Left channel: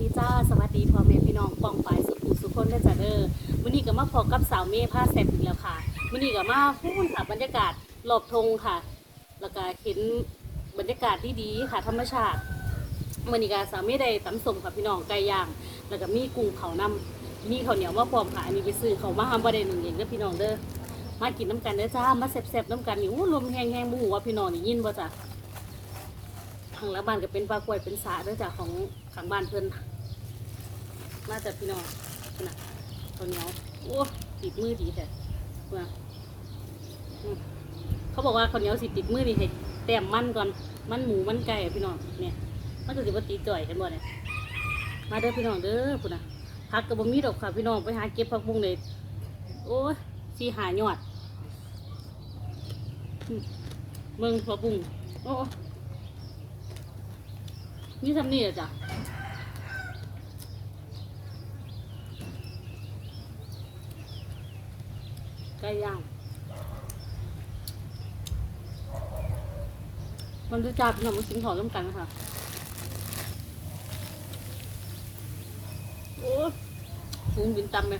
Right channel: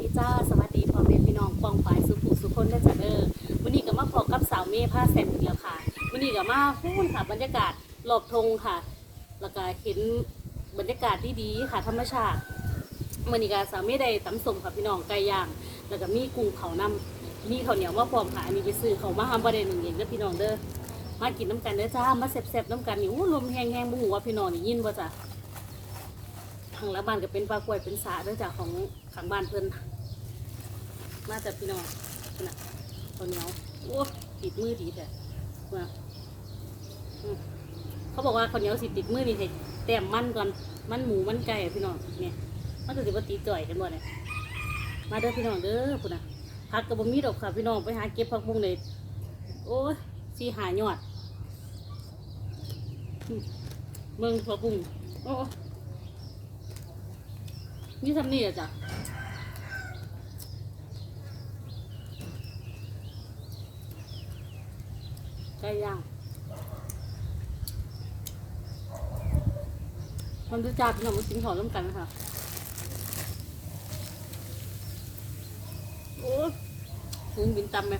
ดีจ้าสวัสดีพ่อแม่พี่น้องปองฝ่ายสุภูสุคนและจ้าเด้อวันนี้ก็มาพบกับสาวเมย์ผ้าแซ่บอีกแล้วค่ะวันนี้ก็มาพูดค่ะบรรยากาศรอบธงค่ะ แล้วก็เห็นบรรยากาศที่ดีๆค่ะ ธรรมชาติวันนี้ก็สาวเมย์ได้ตำสมค่ะพี่น้องไก่ย่าง แล้วก็มีกุ้งเผานำมีข้าวเหนียวมาพร้อมค่ะอันนี้ไปซื้อเขามาทำประเด็นหนึ่งเองเด้อพี่น้องเด้อมากินน้ำกันเด้อจ้ามาแซ่บๆน้ำกันนี่อู้ลมแห้งๆบุหัวาพี่น้องนี่ยินบ่จ้ะทางละบ้านก็เป็นปลากล้วยเป็นสาเด้วยจากของข้างบ้านเพิ่อน มาจากพี่น้องนั่นน่ะข้าวเหนียวโอ้ติดมือดีแต่เมื่ออืมเขาบอกว่าข้าวเหนียวสิติดมือนี่ให้แต้มมันก่อนมันหมูมันไก่พี่น้องเนี่ยมันก็สิว่าตีจ่อยกันบ่เนี่ยมาเด้อพี่น้องเด้อพุ่นนะผักกระบมีดอกค่ะพี่น้องไปหาเก็บผักบุ้งเลยโอ้ยสีหายอดอืมเมืองผักบุ้งโอ้นี่ทำนี่เหรอจ๊ะ ก่ย่างมันจะจับขนมสิงหอร่วมกันนะคะโอ้ฟูงบินตำไหม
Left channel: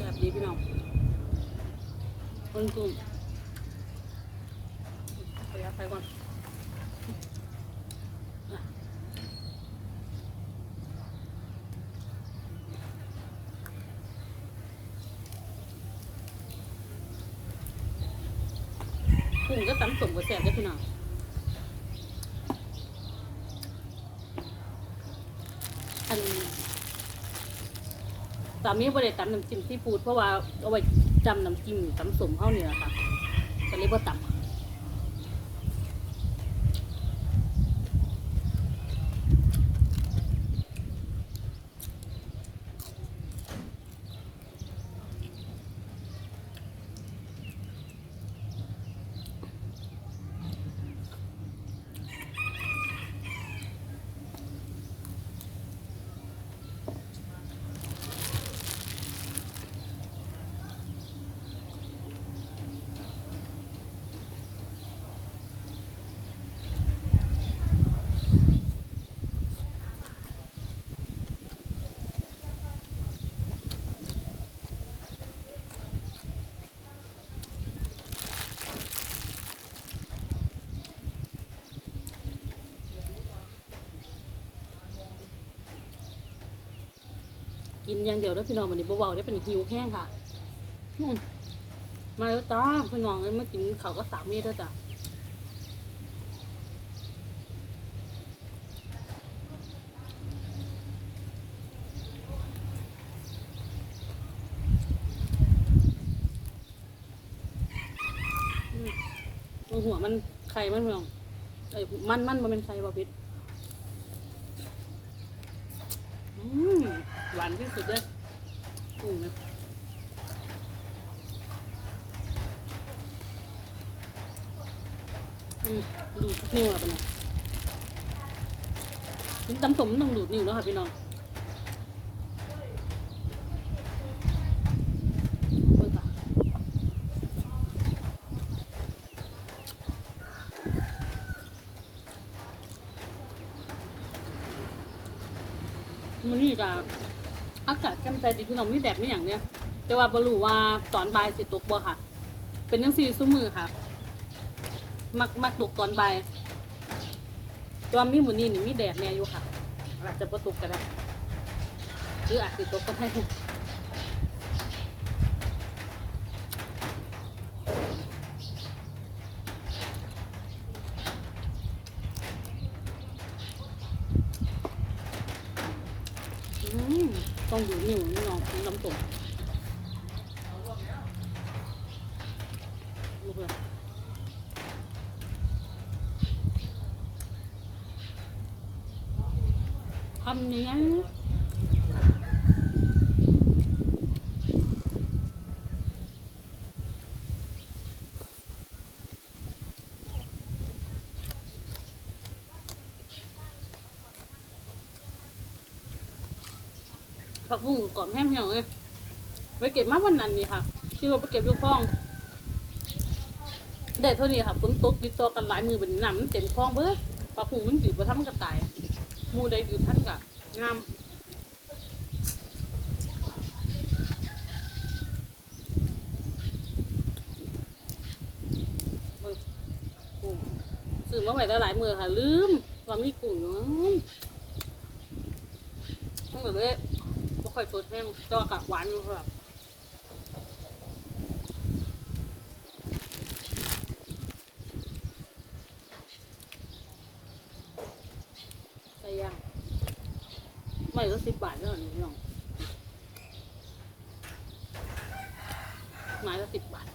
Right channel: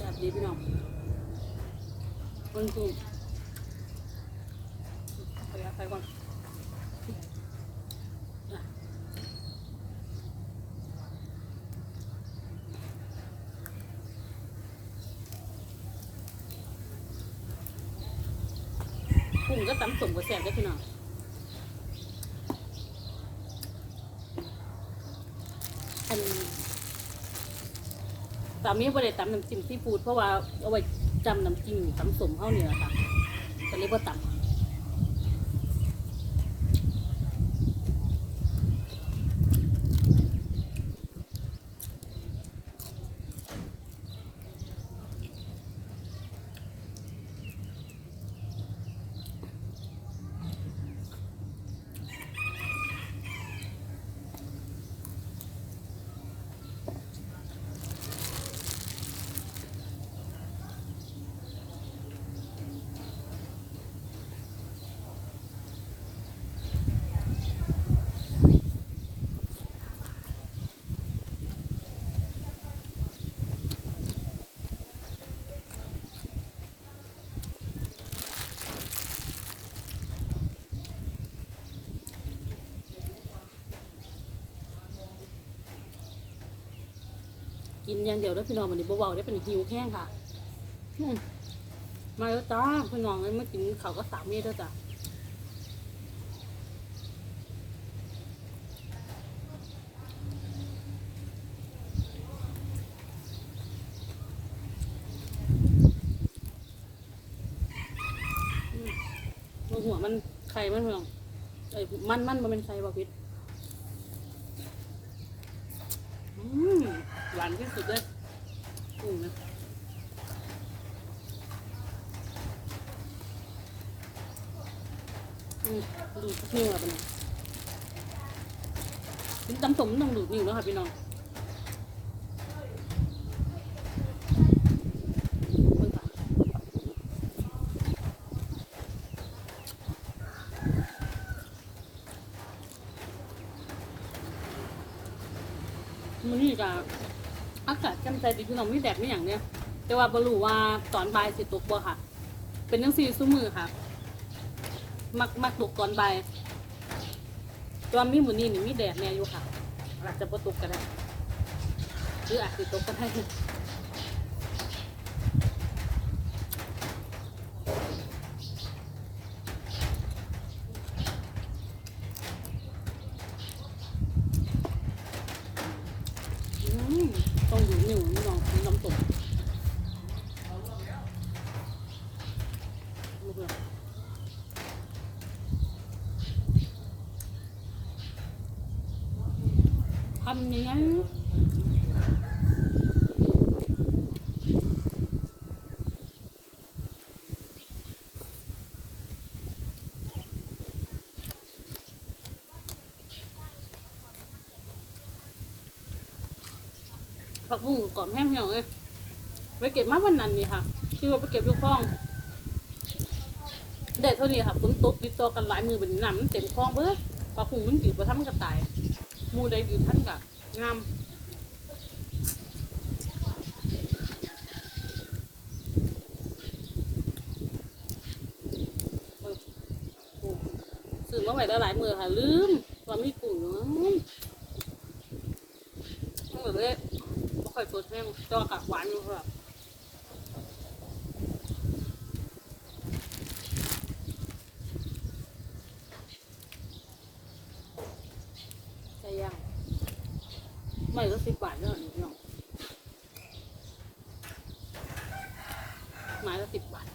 จับดีพี่น้องค นกลุ่มเอายาไปก่อนกุ้งก็ตำสมกับแซ่บได้พี่น้องอันสามีบ่ได้ตำน้ำจิ้มซีฟู้ดเพราะว่าเอาไว้ จำน้ำจิ้มตำสมเฮานี่แหละค่ะก็เลยว่าตำ กินอย่างเดียวแล้วพี่น้องมันนี่บ่เบาๆได้เป็นหิวแห้งค่ะมาแล้วจ้าพี่น้องเลยมากินเขาก็สามเมตรแล้วจ้ะตัวหัวมันไข่มันพี่น้องเอ้ยมันมันมันเป็นไข่บ่พิษอืมหวานที่สุดเลยกุ้งนะดูดนิ้วอะปะนี่ยมันตำสมต้องดูดนิ้วแล้วค่ะพี่น้องมันนี่กับ อากาศแจ่มใสดีพี่น้องมีแดดไม่อย่างเนี้ยแต่ว่าบรู้ว่าตอนบ่ายสิตกบ่ค่ะ เป็นจังซี่ซุ้มมือค่ะ มักมักตกตอนบ่ายตัวมีหมูนี่นี่มีแดดแน่อยู่ค่ะ อาจจะบ่ตกก็ได้หรืออาจจะตกก็ได้อืม ต้องอยู่นิ่วนี่น้องน้ำตกลูกเลยทำยังไง บุ้งกรอบแห้งเหี่ยวเลยไปเก็บมาวันนั้นนี่ค่ะ ที่ว่าไปเก็บลูกคลองได้เท่านี้ค่ะฝนตกติดต่อกันหลายมือเป็นน้ำมันเต็มคลองเบ้อปลาพุงมันอยู่ประทับมันกระต่ายมูใดอยู่ท่านกะงามซื้อมาไว้ได้หลายมือค่ะ ลืมว่ามีกุ้งอยู่ทั้งหมดเลย ค่อยสดแห้งตัว่ากะหวานอยู่ค่ะไก่ย่างไม่ก็สิบบาทเท่านี้พี่น้องไม้ละสิบบาท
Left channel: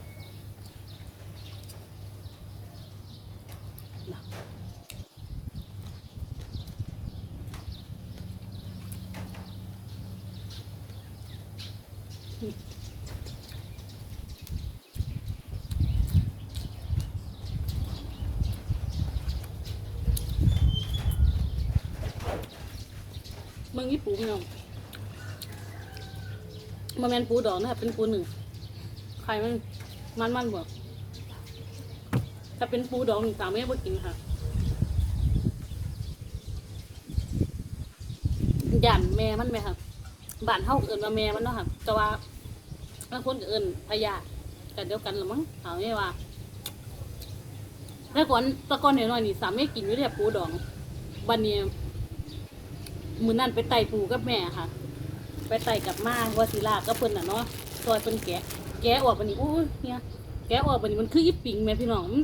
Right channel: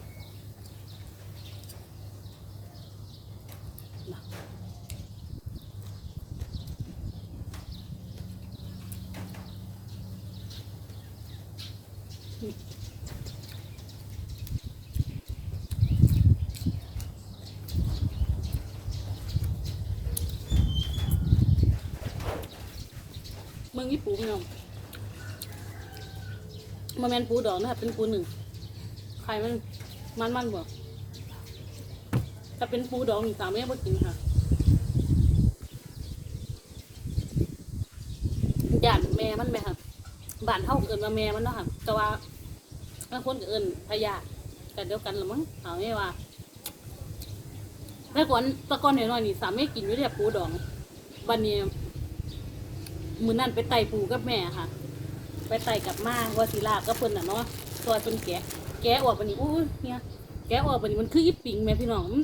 ญี่ปุ่นพี่น้องมาแมนปูดอกนะครับเป็นปูหนึ่งไข่มันมันมันบ่ถ้าเป็นปูดองนี่สาวไม่บ่กินค่ะย่านแม่มันไหมค่ะบ้านเฮาเอิ้นว่าแม่มันเนาะค่ะแต่ว่าบางคนก็เอิ้นพญากันเดียวกันละมั้งเอาไม่ว่าแต่ก่อนแตะก่อนหน้อยๆนี่สาวไม่กินอยู่แต่ปูดองบัดนี้ มือนั้นไปไต่ปูกับแม่ค่ะ ไปไต่กับมาวาศิลาก็เพิ่นน่ะเนาะซอยเพิ่นแกะ แกะออกบัดนี้อู้เนี่ยแกะออกบัดนี้มันคืออีปิงแม่พี่น้องมัน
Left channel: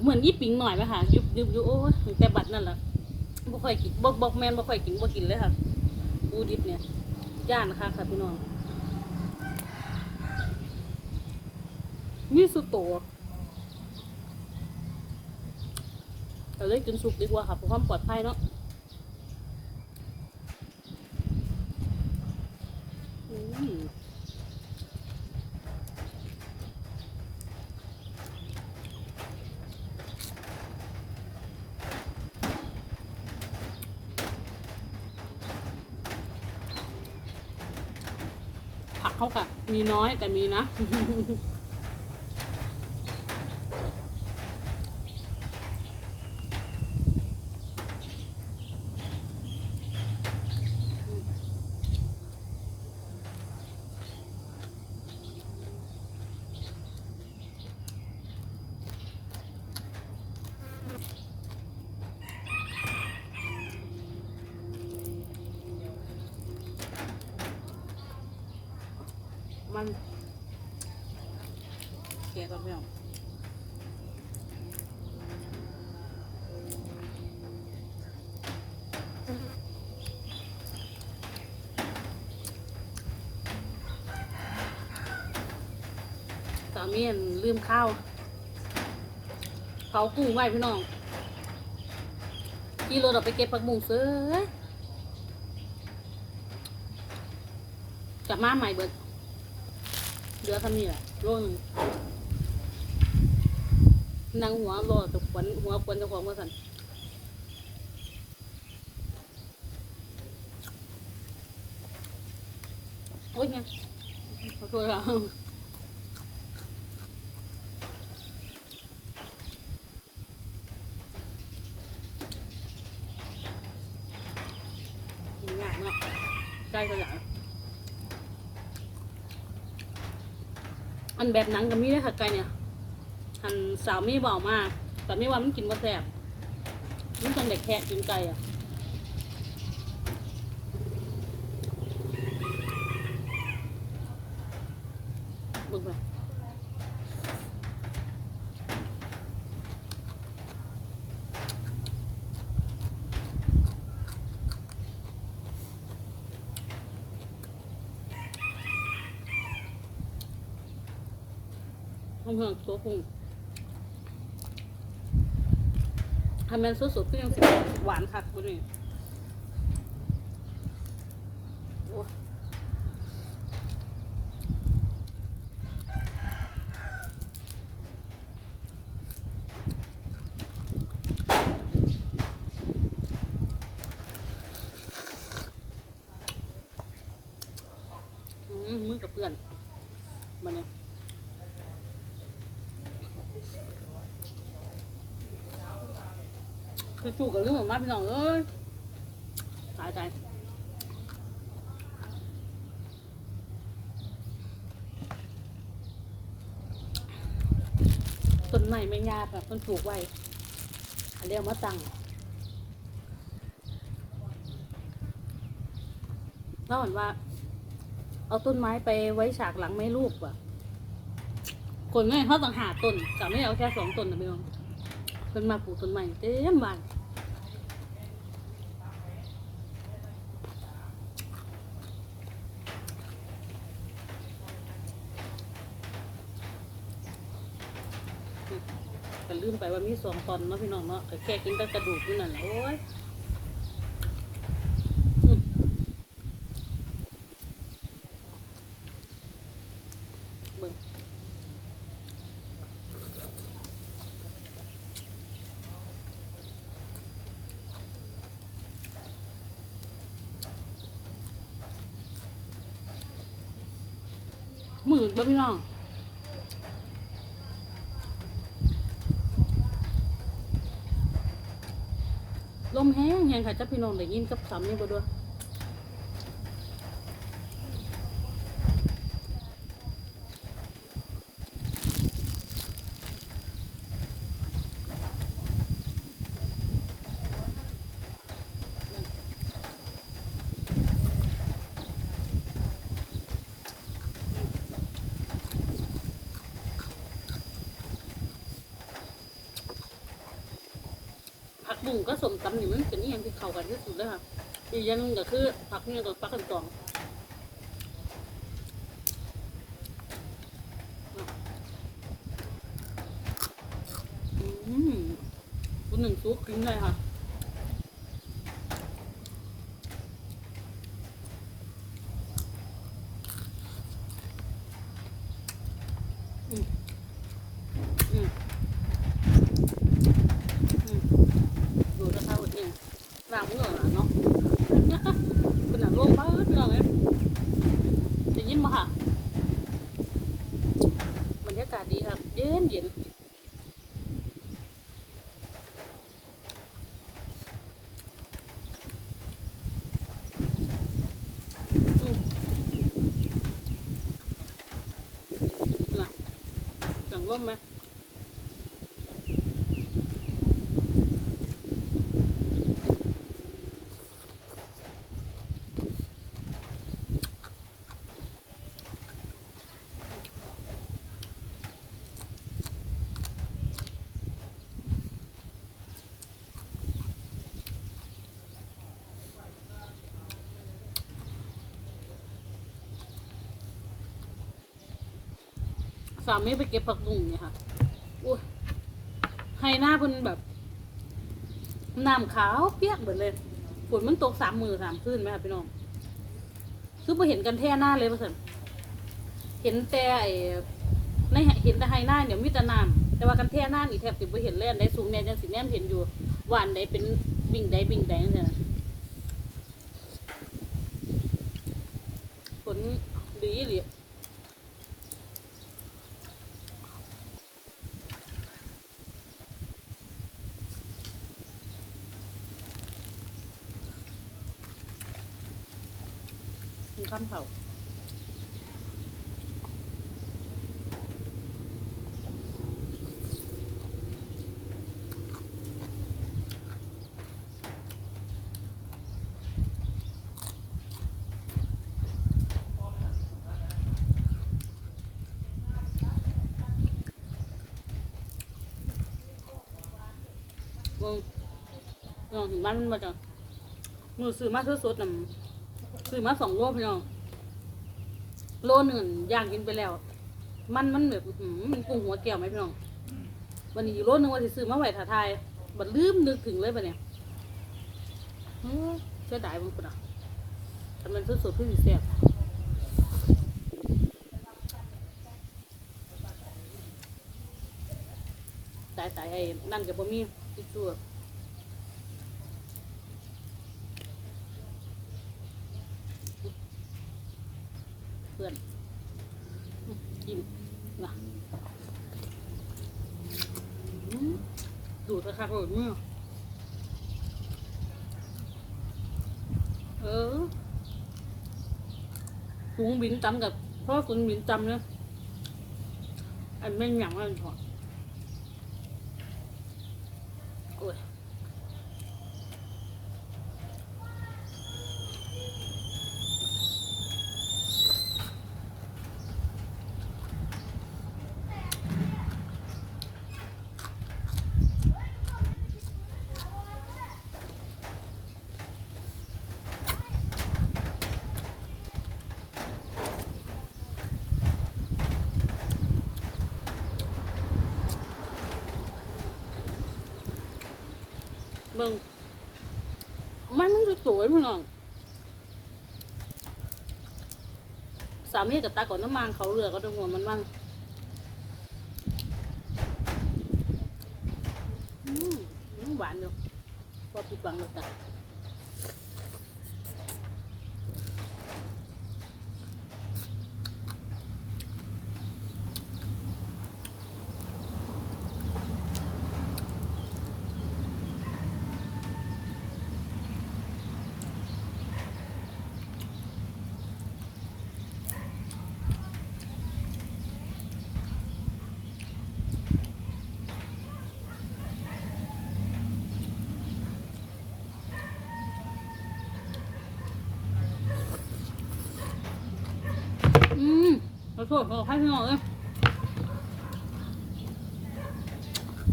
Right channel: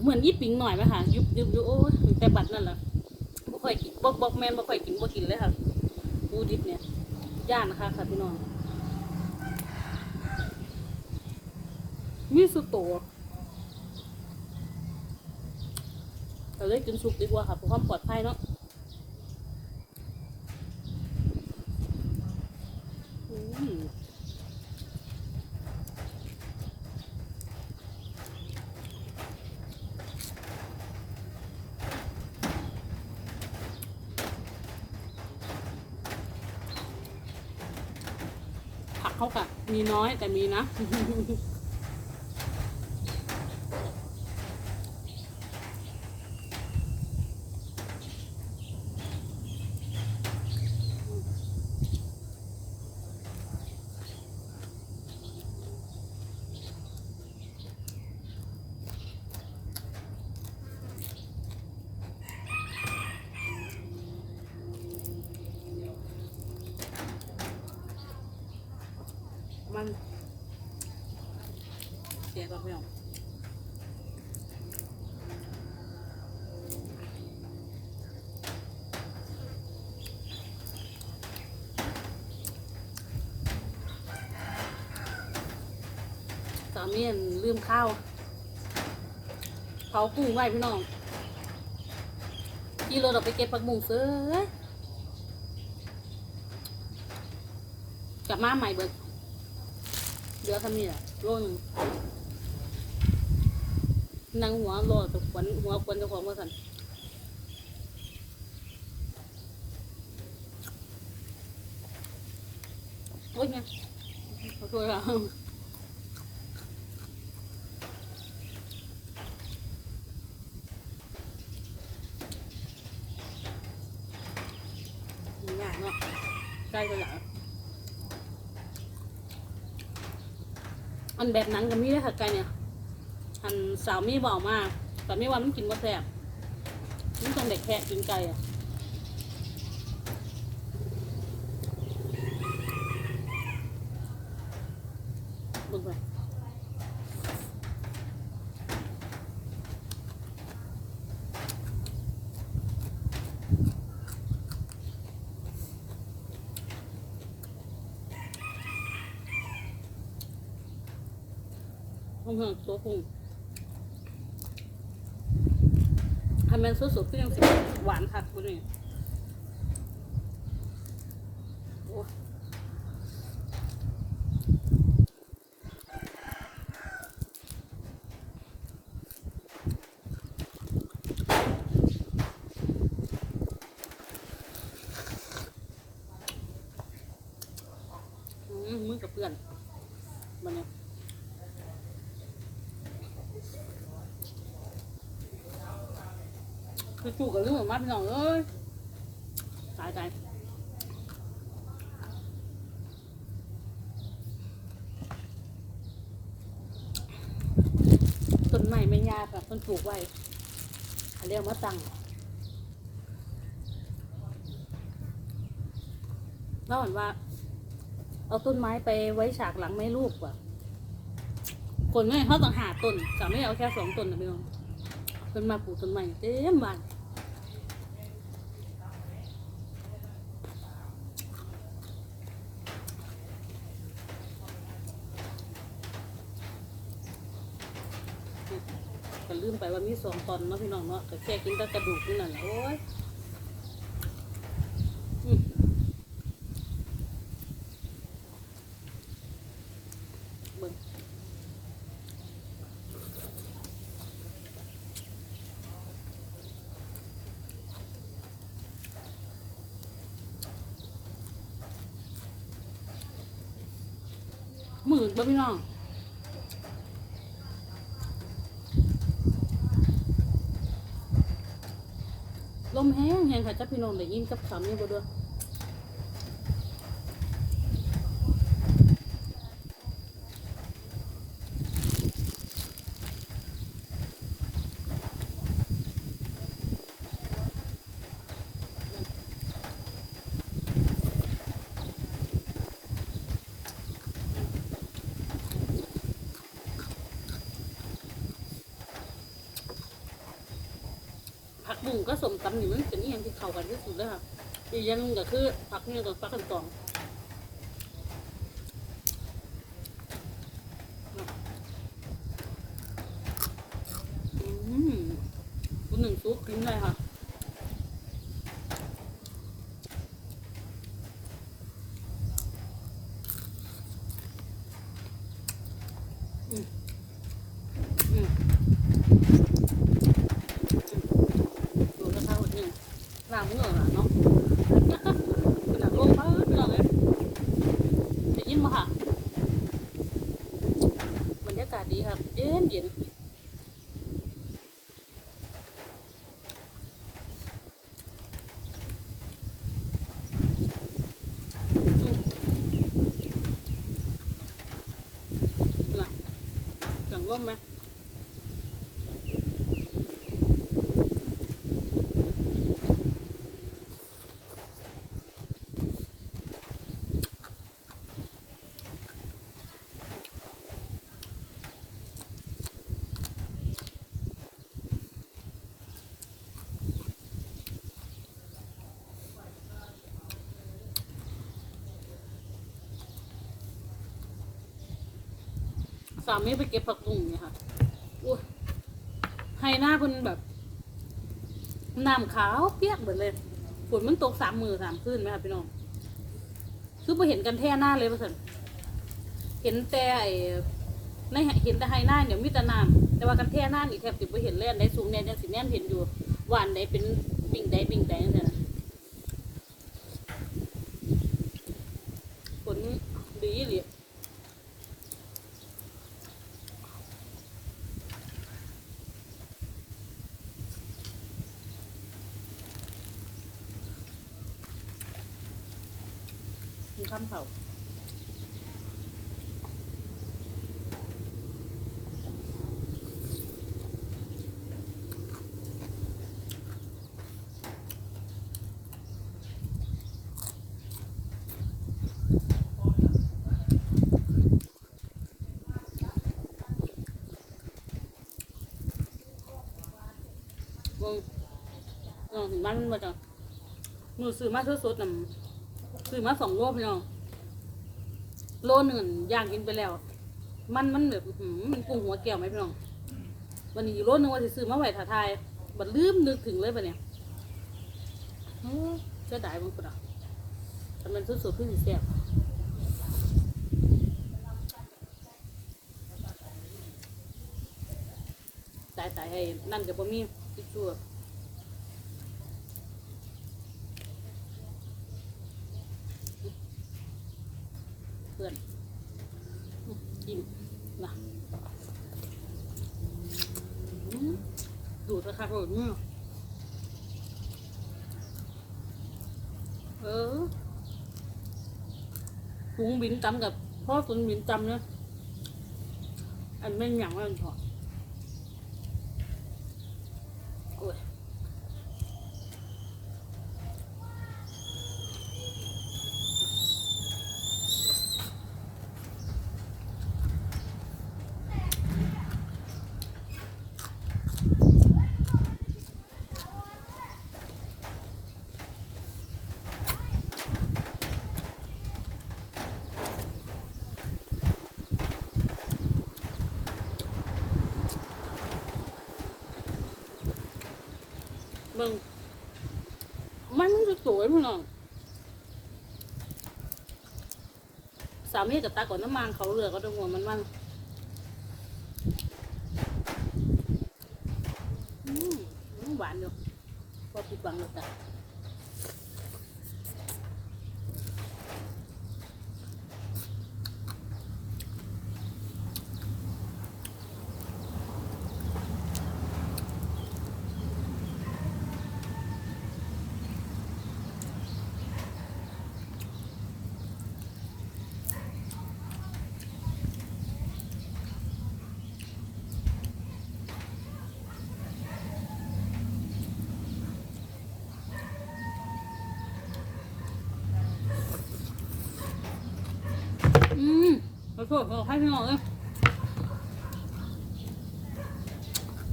เหมือนอีปิงหน่อยไหมค่ะ ยุบยุบยุบโอ้แต่บัตดนั่นแหละบ่ค่อยกินบ่บอกแม่นบ่ค่อยกินบ่กินเลยค่ะปูดิบเนี่ยย่านนะคะค่ะพี่น้องมีสุโตเราเลยกินสุกดีกว่าค่ะเพื่อความปลอดภัยเนาะอืม ผักเขากะมี น้อยแต่มีนะ มันแก่อนพี่น้องสามีลืมข้าวเผากุ้งไว้พี่น้องที่รถเราไปเก็บผักบุ้งเสือกลับมาใหม่เบิดเดือทำนี่แหละโลหนึง นางหัวโลตะขวัญหัวขวัญเจ้าของมาสันโอ้ยเนี่ยขอโทษค่ะยากเนาะใกล้ก็อยากอันแบบนังกับมีเลยค่ะไก่เนี่ย หันสาวมีบอกมาแต่ไม่ว่ามันกินมาแซ่บมันต้องเด็กแคะกินไก่อะบึกไปห้องเฮืองตัวพุง ทำเป็นสุดๆก็ยังสิหวานคักบุนี่โอ้กับเพื่อนมันเนี่ย คือจู่กับเรื่องของมาพี่น้องเอ้ยตายตายต้นไม้ไม่ยากค่ะต้นปลูกไว้เรียกมาตั้งแล้วเหมือนว่า เอาต้นไม้ไปไว้ฉากหลังไม่รูปว่ะคนไม่เขาต้องหาต้นแต่ไม่เอาแค่สองต้นนะพี่น้องเพิ่นมาปลูกต้นไม้เต็มบ้านก็ลืมไป ว่ามีสองตอนเนาะพี่น้องเนาะก็แค่กินแต่กระดูกนี่นั่นแหละโอ้ยอืมเบิ่งหมื่นบ่พี่น้อง แห้งแห้งค่ะจ้าพี่น้องได้ยินกับสามนี่บ่ด้วย บุ้งก็สมตำนี่มันเป็นอย่างที่เข้ากันที่สุดเลยค่ะอีกอย่างหนึงก็คือผักเนี่ยกับผักกันตองอืมคุณหนึ่งซุปกินได้ค่ะ อืมอืมอืมดูสภาพคนนี้ ล้างมือเหรอเนาะขนาดลงบ้านเราเลยจะยินมาค่ะบรรยากาศดีครับเย็นเย็นอืมน่ะเสียงลมไหม สามีไปเก็บผักบุ้งเนี่ยค่ะอุ้ยให้หน้าเพิ่นแบบน้ำขาวเปียกหมดเลยฝนมันตกสามมือสามคืนไหมคะพี่น้องคือพอเห็นกันแท่หน้าเลยประสริฐเห็นแต่ไอ้ในเห็นแต่ไฮหน้าเนี่ยมีแต่น้ำแต่ว่ากันแท่หน้านี่แทบจะไม่เห็นเลยอันใดสูงเนี่ยยังสิแนมเห็นอยู่หวานใดเป็นบิ่งใดบิ่งใดนั่นแหละฝนดีหรือ ข้ามเผาเบิ่งเออเห็นมันมาจ้ะมือซื้อมาซื้อสดๆนำ ซื้อมาสองโลพี่น้อง โลหนึ่งย่างกินไปแล้ว มันมันแบบอื้อหือมันกุ้งหัวแก้วไหมพี่น้อง วันนี้อีกโลหนึ่งว่าจะซื้อมาไหวถ่าทายบัดลืมนึกถึงเลยปะเนี่ยเฮ้ยเสียดายบางคนอะแต่มันสุดๆคือสีแซ่บตายตายให้นั่นกับบ่มีติดตั พื่อนกินนะดูดราคาโหดเนี่ยเออกุ้งบินตำกับพ่อกุ้งบินตำเนี่ยอันแม่งหยังมันถอดอ้ย มึงมันมันจะส วยพี่น้องสามีกับตาก่อนน้ำมันเขาเรือก็ต้องหัวมันมั่งอืมหวานอยู่พอผิดหวังเลยจ้ะอืมขอ โทษขอให้พี่น้องเอ้ย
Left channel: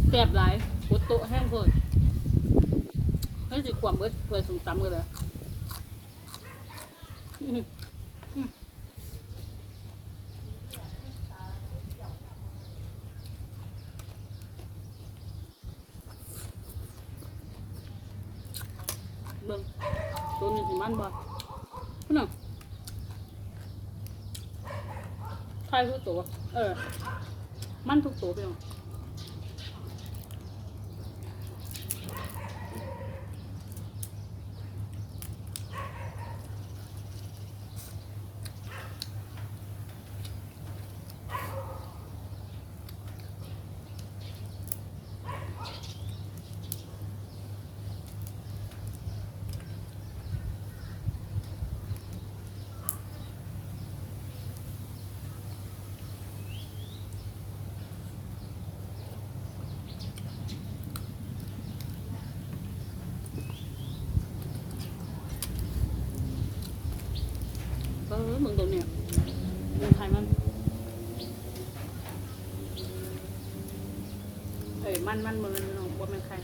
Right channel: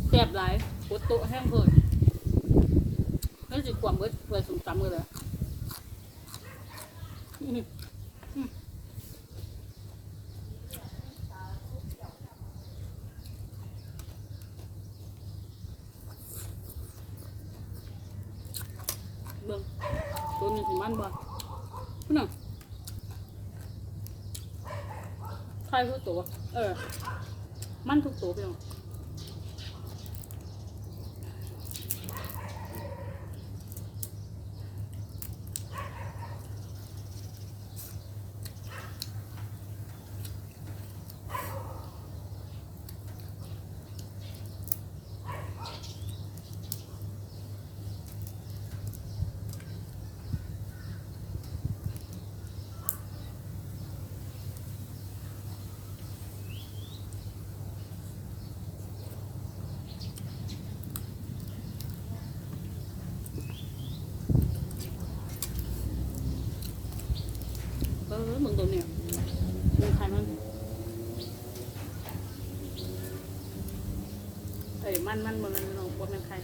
แสบหลายปวดโต๊ะแห้งเพิ่นให้สิความเบิดเพื่อสุ่มตำกันเลยอืมอืมเบิ่งตัวนี้สิมันบ่พี่น้อง ใช่ทุก ตัว เออ มันทุกตัวพี่น้อง เออมึงตรงเนี่ยมึงใครมันเอ้ยมันมันมันมันน้องบ่แม่นใคร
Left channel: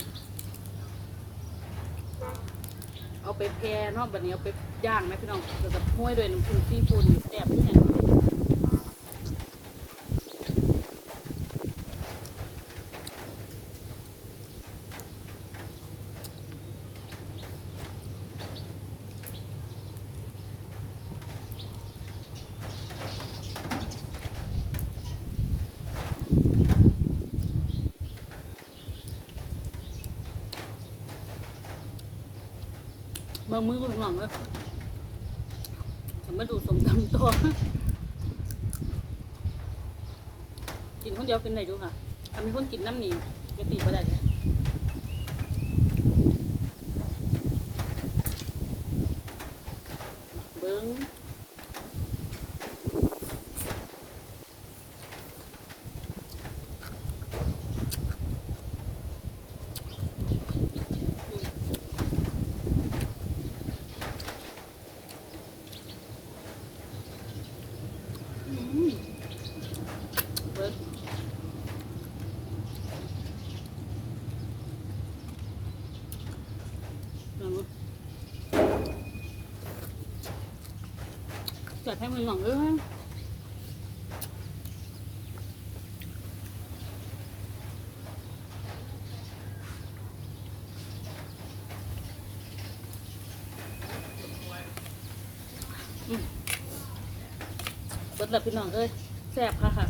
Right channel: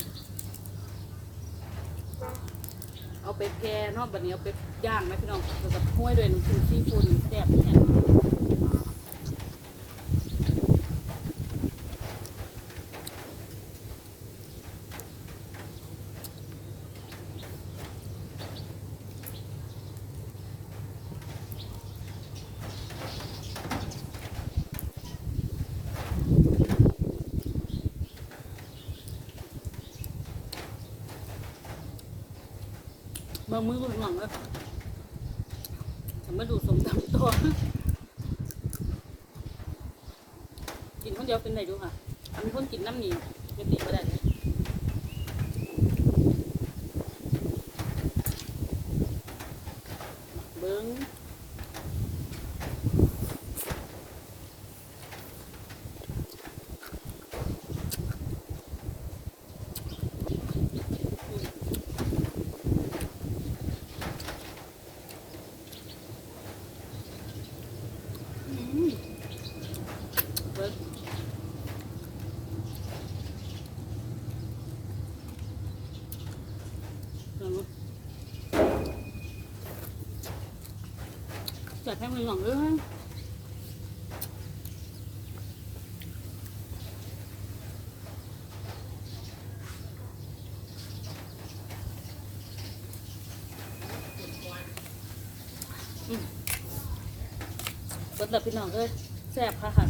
เอาไปแพร่เนาะบัดนี้เอาไปย่างไหมพี่น้องแล้วก็ห้วยด้วยน้ำผึ้งซีฟู้ดนี่แซ่บแน่ เบิ่งมือกูมองหลังแล้วมมาดูสมตำตัวกินคนเดียวเป็นไหนดูค่ะทำให้คนกินน้ำหนีจะตีก็ได้เลยเบิ้งอืมเบิ้งเบิ้ง จัดให้มันหน่องด้วย เบิดแล้วพี่น้องเอ้ยแซ่บค่ะค่ะ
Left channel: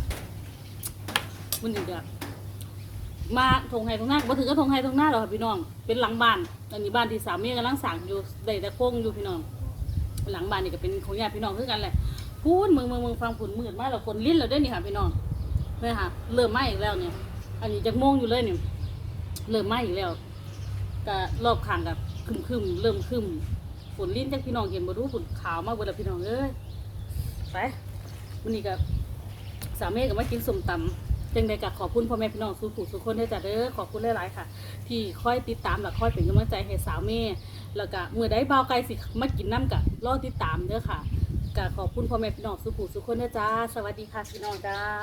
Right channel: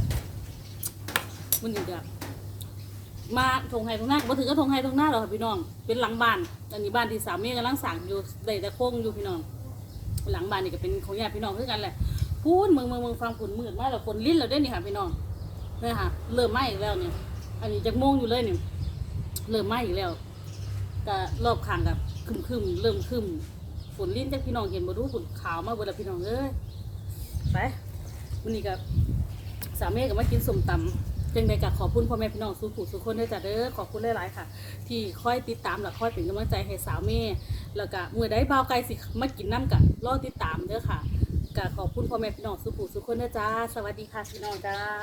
มันอยู่แบบมาทงไห้ทงหน้าก็บ่ถึงก็ทงไห้ทงหน้าหรอกค่ะพี่น้อง เป็นหลังบ้านอันนี้บ้านที่สามีกำลังสั่งอยู่ได้แต่โค้งอยู่พี่น้อง หลังบ้านนี่ก็เป็นของญาติพี่น้องคือกันแหละพูนเมืองเมืองเมืองฟังผุนมืดมากแล้วคนลิ้นเราได้นี่ค่ะพี่น้องเนี่ยค่ะเริ่มไหม้อีกแล้วเนี่ย อันนี้จะโมงอยู่เลยเนี่ยเริ่มไหม้อีกแล้วก็รอบข้างกับคึมคึมเริ่มคึมฝนลิ้นจากพี่น้องเห็นบ่รู้ฝนขาวมากเวลาพี่น้องเอ้ยไป วันนี้กับสามเมฆก็มากินสมตำจังใดก็ขอบคุณพ่อแม่พี่น้องสู้ผู้สุกคนด้วยจ้ะเด้อขอบคุณหลายๆค่ะ ที่คอยติดตามและคอยเป็นกำลังใจให้สาวเมย์แล้วก็เมื่อได้เบาไกลสิมากินน้ำกะรอติดตามเด้อค่ะก็ขอบคุณพ่อแม่พี่น้องสู้ผู้สุกคนด้วยจ้า สวัสดีค่ะพี่น้องจ้า